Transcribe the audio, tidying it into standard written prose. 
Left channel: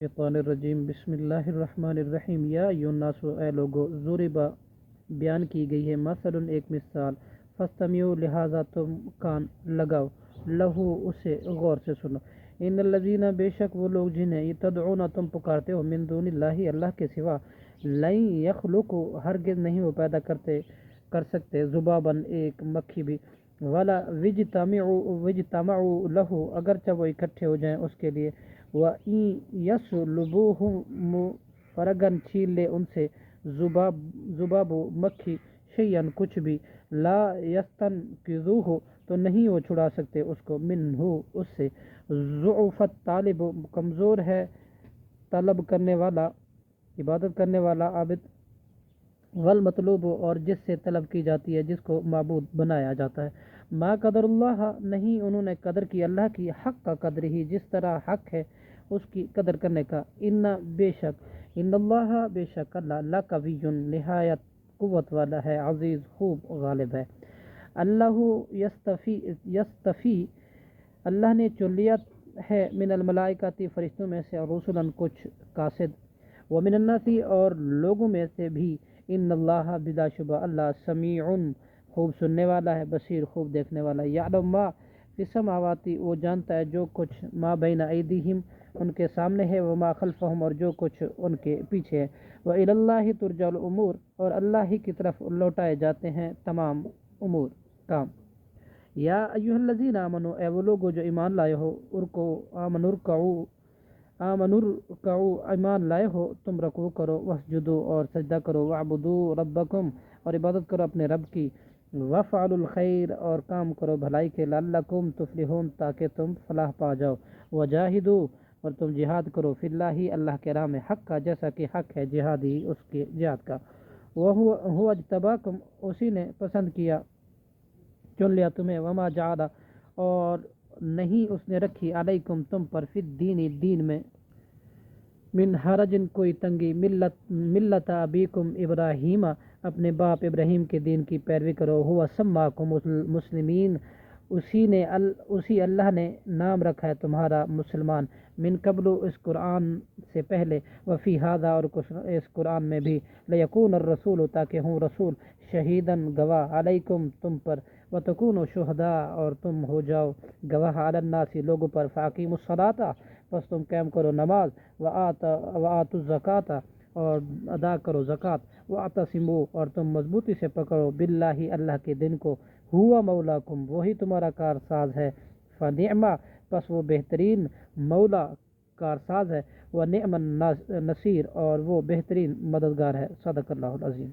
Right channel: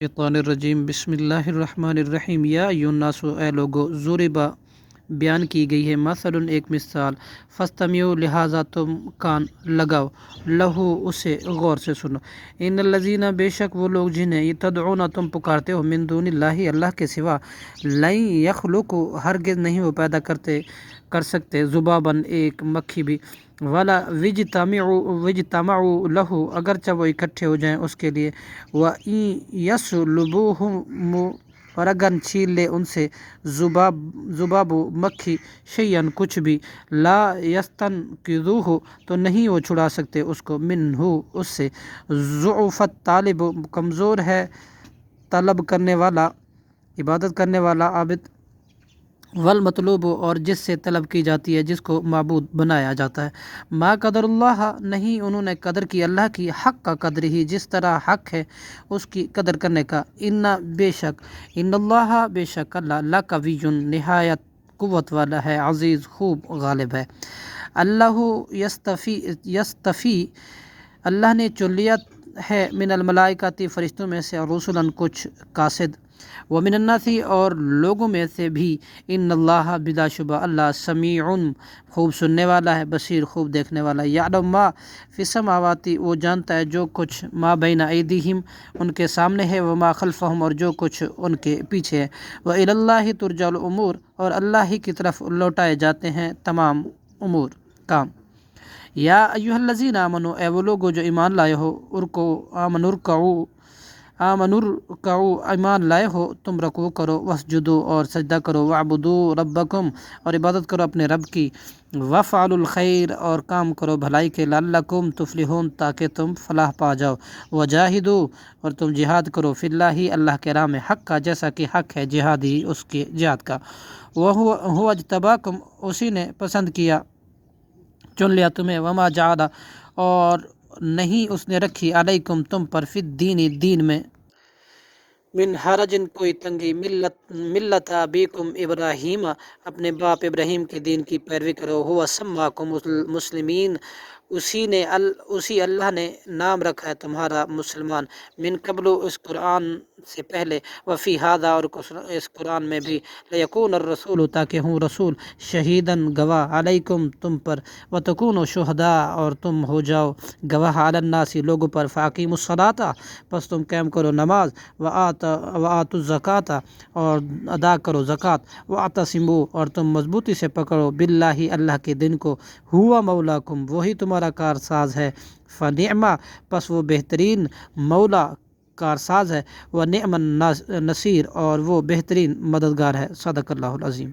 شیطان الرجیم بسم اللہ الرحمن الرحیم یا ایھا الناس اے لوگو ضربا بیان کی گئی ہے مثلاً ایک مثال فاستمعوا لہذا تم کان لگاؤ لہو اسے غور سے سنو ان الذین بے شک وہ لوگ جنہیں تدعون تم پکارتے ہو من دون اللہ اللہ کے سوا لن یخلقوا ہرگز نہیں وہ پیدا کر سکتے ذباباً ایک مکھی بھی ولا وجتمعوا لہ اگرچہ وہ اکٹھے ہو جائیں اس کے لیے وَإِن يَسْلُبُوهُمْ اور اگر چھین لے ان سے ذباب مکھی شیئن کچھ بھی لا یستنقذوہ تو نہیں وہ چھڑا سکتے اس کو منہ اس سے ضعف الطالب کمزور ہے طلب کرنے والا عبادت کرنے والا عابد والمطلوب اور جس سے طلب کی جاتی ہے جس کو معبود بنایا جاتا ہے ما قدر اللہ نہیں انہوں نے قدر کی اللہ کی حق کا قدر ہی جس طرح حق ہے اس کی قدر کرنے کا بے شک ان اللہ بے شک اللہ لقوی نہایت قوت والا ہے عزیز خوب غالب ہے اللہ یستفی اللہ نے چن لیا ہے من الملائکتی فرشتوں میں سے رسولاً کچھ قاصد ومن الناس اور لوگوں میں سے بھی ان اللہ بلا شبہ اللہ سمیع خوب سننے والا ہے بصیر خوب دیکھنے والا ہے یعلم ما فی السماوات وہ جانتا ہے جو کچھ ما بین ایدیہم ان کے سامنے ہے وما خلفہم اور جو کچھ ان کے پیچھے ہے وإلی اللہ ترجع الامور اور اللہ ہی کی طرف لوٹائے جاتے ہیں تمام امور کام یا ایھا الذین آمنوا اے وہ لوگو جو ایمان لائے ہو آمنوا ایمان لائے ہو تم رکوع کرو واسجدوا اور سجدہ کرو وعبدوا ربکم اور عبادت کرو اپنے رب کی وافعلوا الخیر اور کام کرو بھلائی کے لعلکم تفلحون تاکہ تم فلاح پا جاؤ وجاہدوا اور تم جہاد کرو فی اللہ اللہ کے راہ میں حق کا جیسا کہ حق ہے جہاد ہی اس کے جہاد کا وہو اجتباکم اسی نے پسند کیا چن لیا تمہیں وما جعل اور نہیں اس نے رکھی علیکم تم پر فی الدین دین میں من حرجن کوئی تنگی ملت ابیکم ابراہیم اپنے باپ ابراہیم کے دین کی پیروی کرو ہوا سماکم مسلمین اسی اللہ نے نام رکھا ہے تمہارا مسلمان من قبل اس قرآن سے پہلے وفی ھذا اور اس قرآن میں بھی لیکون الرسول تاکہ ہوں رسول شہیداً گواہ علیکم تم پر وتکونوا شہداء اور تم ہو جاؤ گواہ علی الناس لوگوں پر فاقیموا الصلاۃ پس تم قائم کرو نماز وآتوا الزکوٰۃ اور ادا کرو زکوٰۃ واعتصموا اور تم مضبوطی سے پکڑو باللہ اللہ کے دن کو ہوا مولاکم وہی تمہارا کارساز ہے فنعم پس وہ بہترین مولا کارساز ہے ونعم النصیر اور وہ بہترین مددگار ہے صدق اللہ العظیم